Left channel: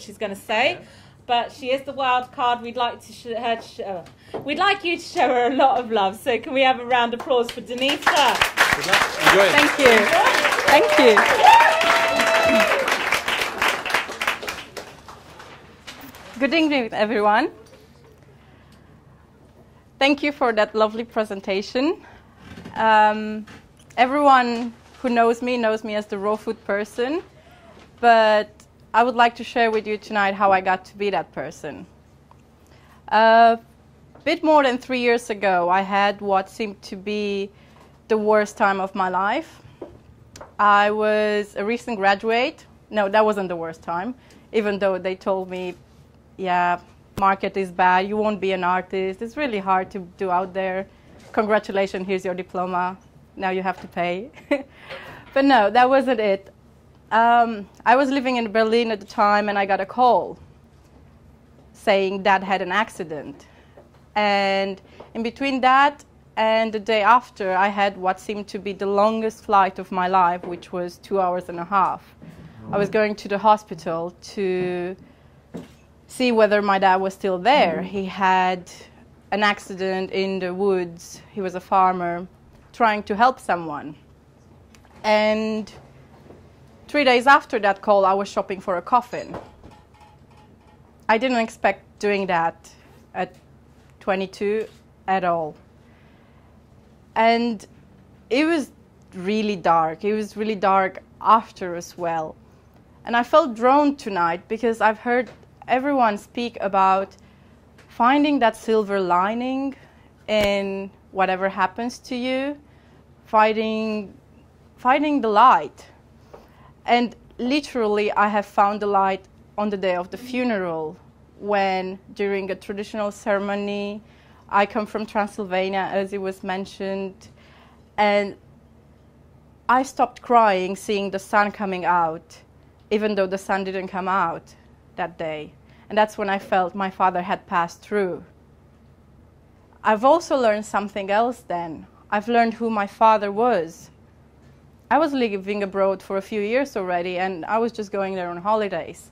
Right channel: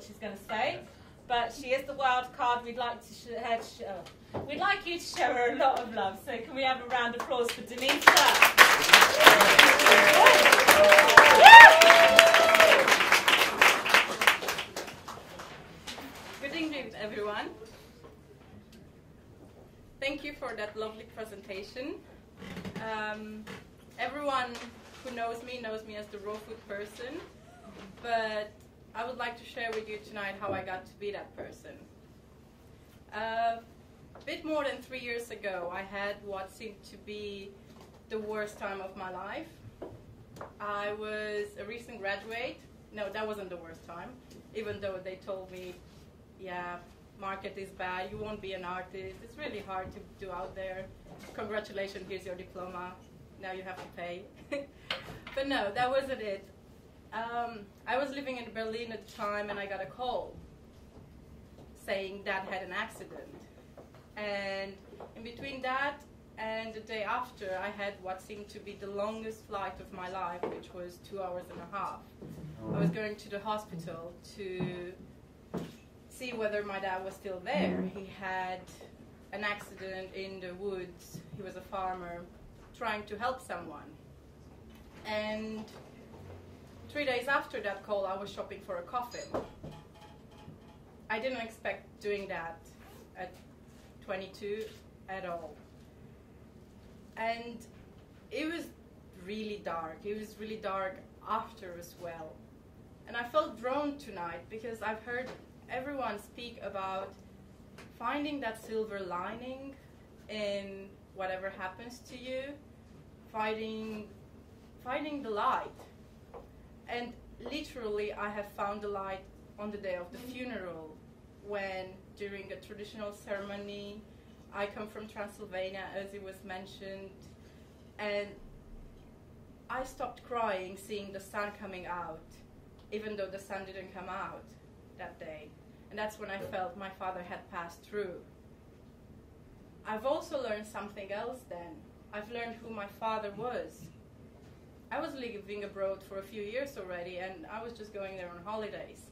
she's going to say, but she is the wild card. We'd like to we'd like you to show her a lot of love. So can we have a round of applause for Denisa? Thank you. Thank you. Good evening, everyone. Thank you for that lovely presentation. Everyone who knows me as the raw food person, but I would like to share with you tonight how I got to be that person. A bit more than 3 years ago, I had what seemed to be the worst time of my life. I was a recent graduate. No, that wasn't the worst time, even though they told me, yeah, market is bad, you won't be an artist, it's really hard to do out there. Congratulations, here's your diploma, now you have to pay. But no, that wasn't it. I was living in Berlin at the time, and I got a call saying Dad had an accident. And in between that and the day after, I had what seemed to be the longest flight of my life, which was 2.5 hours. I was going to the hospital to see whether my dad was still there. He had an accident in the woods. He was a farmer trying to help someone. And 3 days after that call, I was shopping for a coffin. I didn't expect doing that at 22 at all. And it was really dark. It was really dark after as well. And I felt drawn tonight because I've heard everyone speak about finding that silver lining in whatever happens to you, finding the light. And literally, I have found the light on the day of the funeral, when during a traditional ceremony, I come from Transylvania, as it was mentioned, and I stopped crying seeing the sun coming out, even though the sun didn't come out that day. And that's when I felt my father had passed through. I've also learned something else then. I've learned who my father was. I was living abroad for a few years already, and I was just going there on holidays.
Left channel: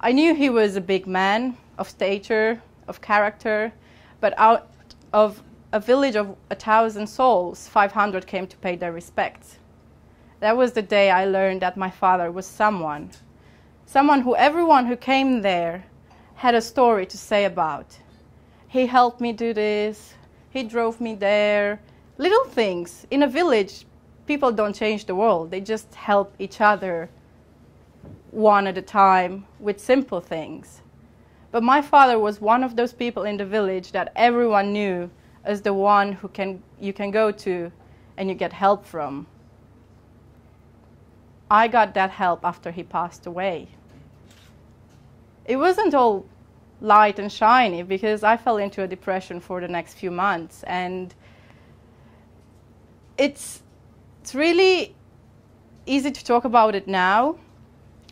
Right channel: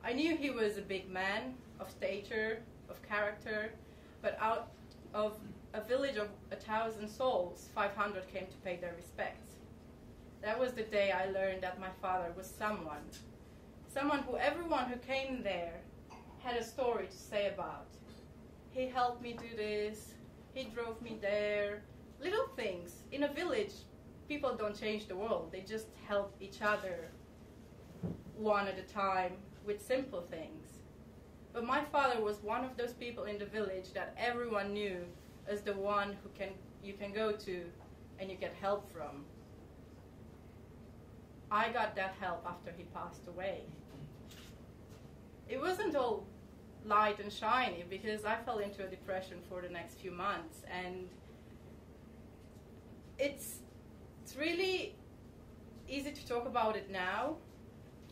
I knew he was a big man of stature, of character, but out of a village of 1,000 souls, 500 came to pay their respects. That was the day I learned that my father was someone who everyone who came there had a story to say about. He helped me do this, he drove me there, little things. In a village, people don't change the world, they just help each other one at a time with simple things. But my father was one of those people in the village that everyone knew as the one who you can go to and you get help from. I got that help after he passed away. It wasn't all light and shiny, because I fell into a depression for the next few months, and it's really easy to talk about it now,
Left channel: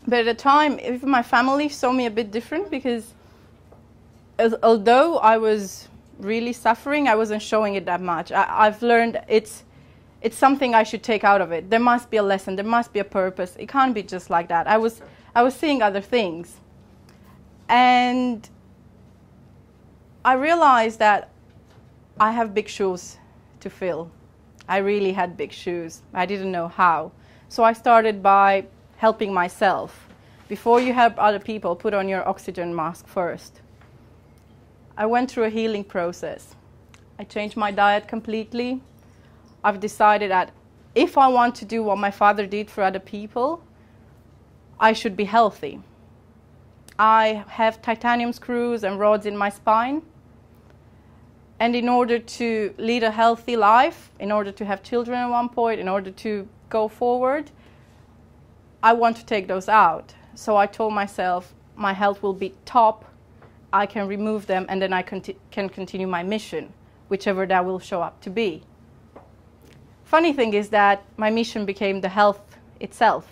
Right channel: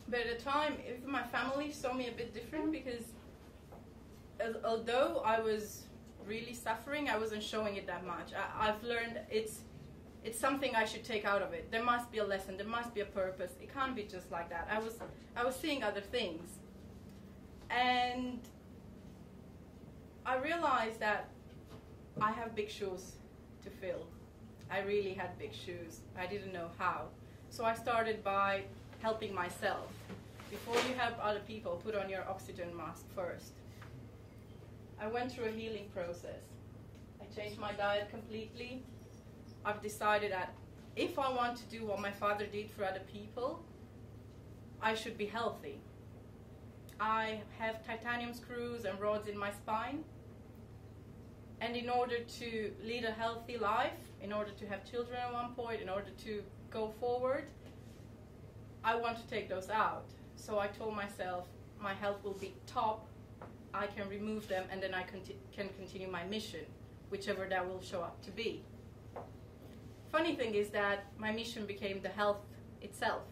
but at the time, even my family saw me a bit different, because although I was really suffering, I wasn't showing it that much. I've learned it's something I should take out of it. There must be a lesson, there must be a purpose. It can't be just like that. I was seeing other things. And I realized that I have big shoes to fill. I really had big shoes. I didn't know how. So I started by helping myself. Before you help other people, put on your oxygen mask first. I went through a healing process. I changed my diet completely. I've decided that if I want to do what my father did for other people, I should be healthy. I have titanium screws and rods in my spine. And in order to lead a healthy life, in order to have children at one point, in order to go forward, I want to take those out. So I told myself my health will be top, I can remove them, and then I can continue my mission, whichever that will show up to be. Funny thing is that my mission became the health itself,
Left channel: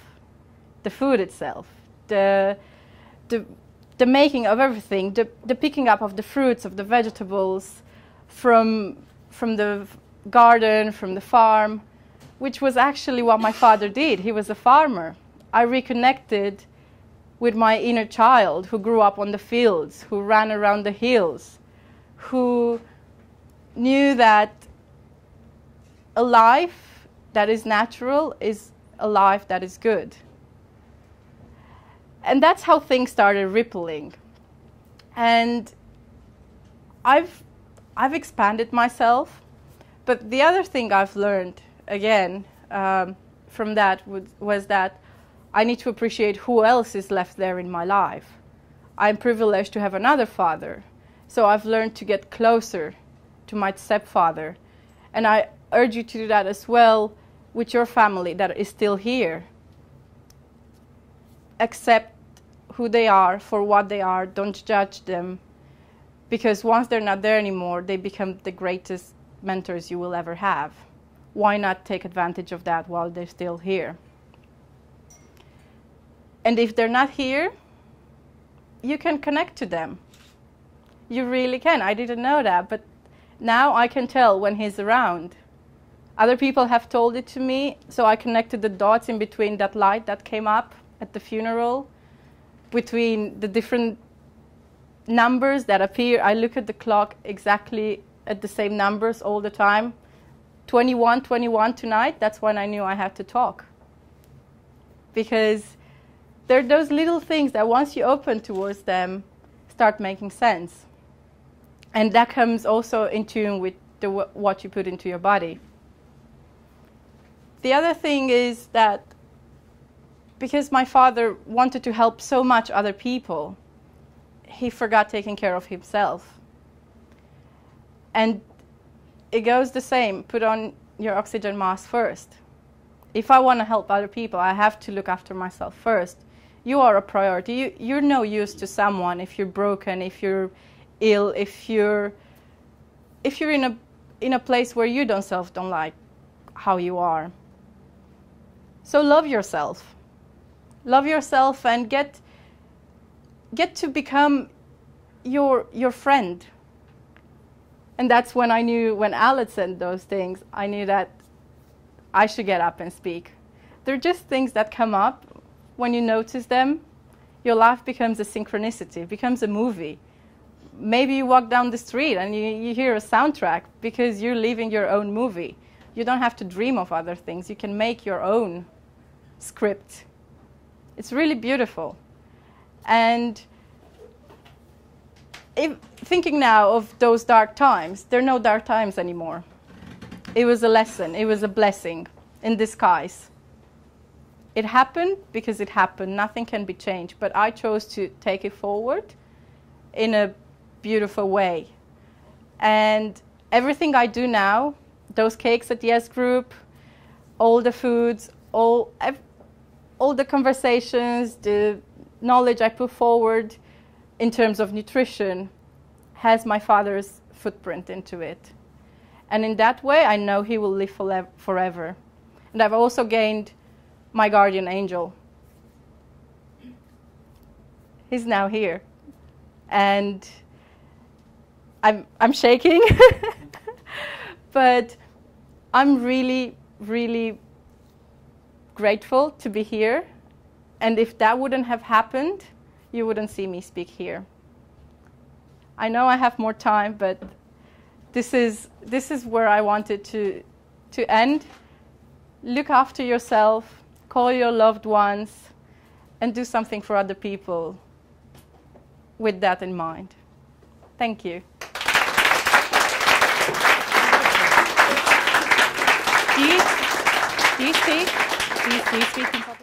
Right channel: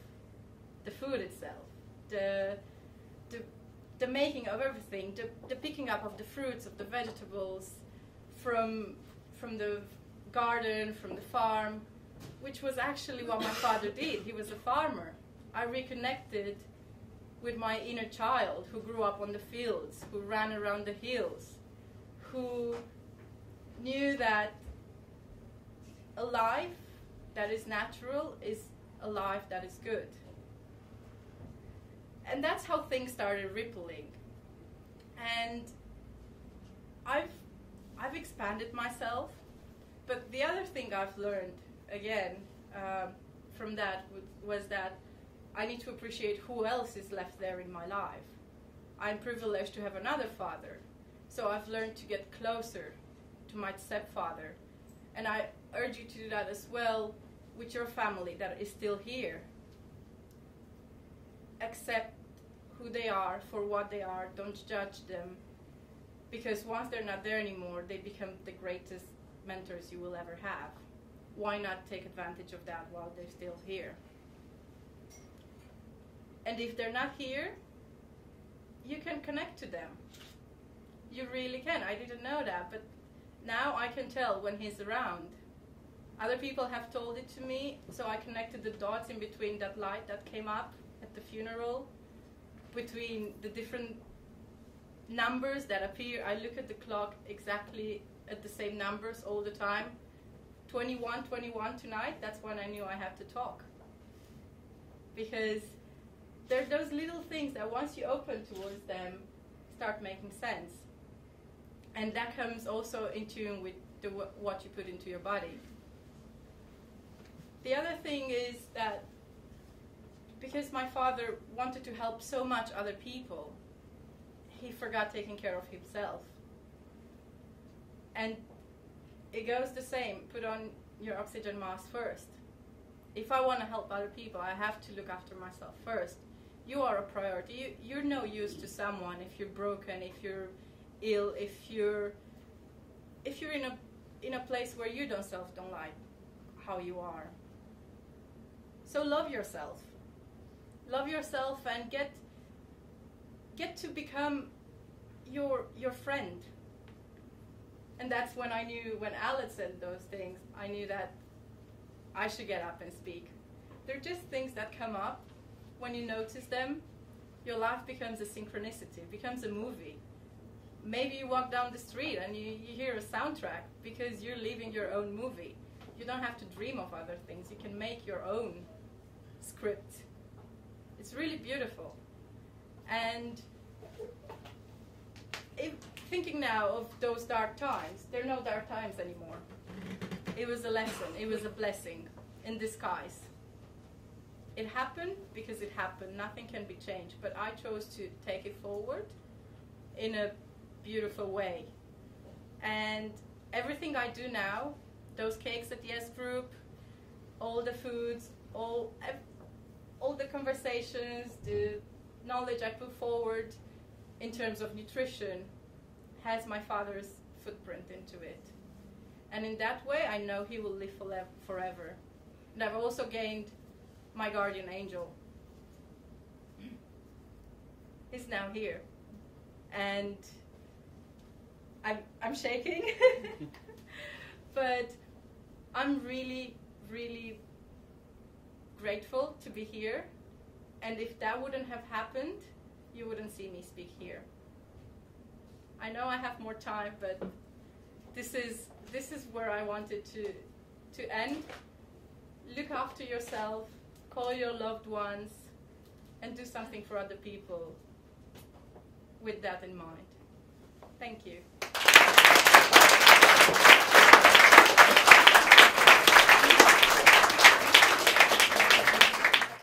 the food itself, the making of everything, the picking up of the fruits, of the vegetables, from the garden, from the farm, which was actually what my father did. He was a farmer. I reconnected with my inner child who grew up on the fields, who ran around the hills, who knew that a life that is natural is a life that is good. And that's how things started rippling. And I've expanded myself, but the other thing I've learned, again, from that was that I need to appreciate who else is left there in my life. I'm privileged to have another father, so I've learned to get closer to my stepfather. And I urge you to do that as well with your family that is still here. Accept who they are for what they are. Don't judge them, because once they're not there anymore, they become the greatest mentors you will ever have. Why not take advantage of that while they're still here? And if they're not here, you can connect to them. You really can. I didn't know that, but now I can tell when he's around. Other people have told it to me, so I connected the dots in between that light that came up at the funeral, between the different numbers that appear. I look at the clock exactly at the same numbers all the time. 21, 21 tonight, that's when I knew I had to talk. Because there are those little things that once you open towards them, start making sense. And that comes also in tune with what you put into your body. The other thing is that because my father wanted to help so much other people, he forgot taking care of himself. And it goes the same. Put on your oxygen mask first. If I want to help other people, I have to look after myself first. You are a priority. You're no use to someone if you're broken, if you're ill, if you're in a place where you don't like how you are. So love yourself. Love yourself and get to become your friend. And that's when I knew, when Alex said those things, I knew that I should get up and speak. They're just things that come up. When you notice them, your life becomes a synchronicity, becomes a movie. Maybe you walk down the street and you hear a soundtrack because you're living your own movie. You don't have to dream of other things. You can make your own script. It's really beautiful. And thinking now of those dark times, there are no dark times anymore. It was a lesson. It was a blessing in disguise. It happened because it happened. Nothing can be changed. But I chose to take it forward in a beautiful way. And everything I do now, those cakes at the S Group, all the foods, all the conversations, the knowledge I put forward in terms of nutrition has my father's footprint into it. And in that way, I know he will live forever. And I've also gained my guardian angel. He's now here. And I'm shaking. But I'm really, really grateful to be here. And if that wouldn't have happened, you wouldn't see me speak here. I know I have more time, but this is where I wanted to end. Look after yourself, call your loved ones, and do something for other people with that in mind. Thank you. Do you speak? Do you speak in public?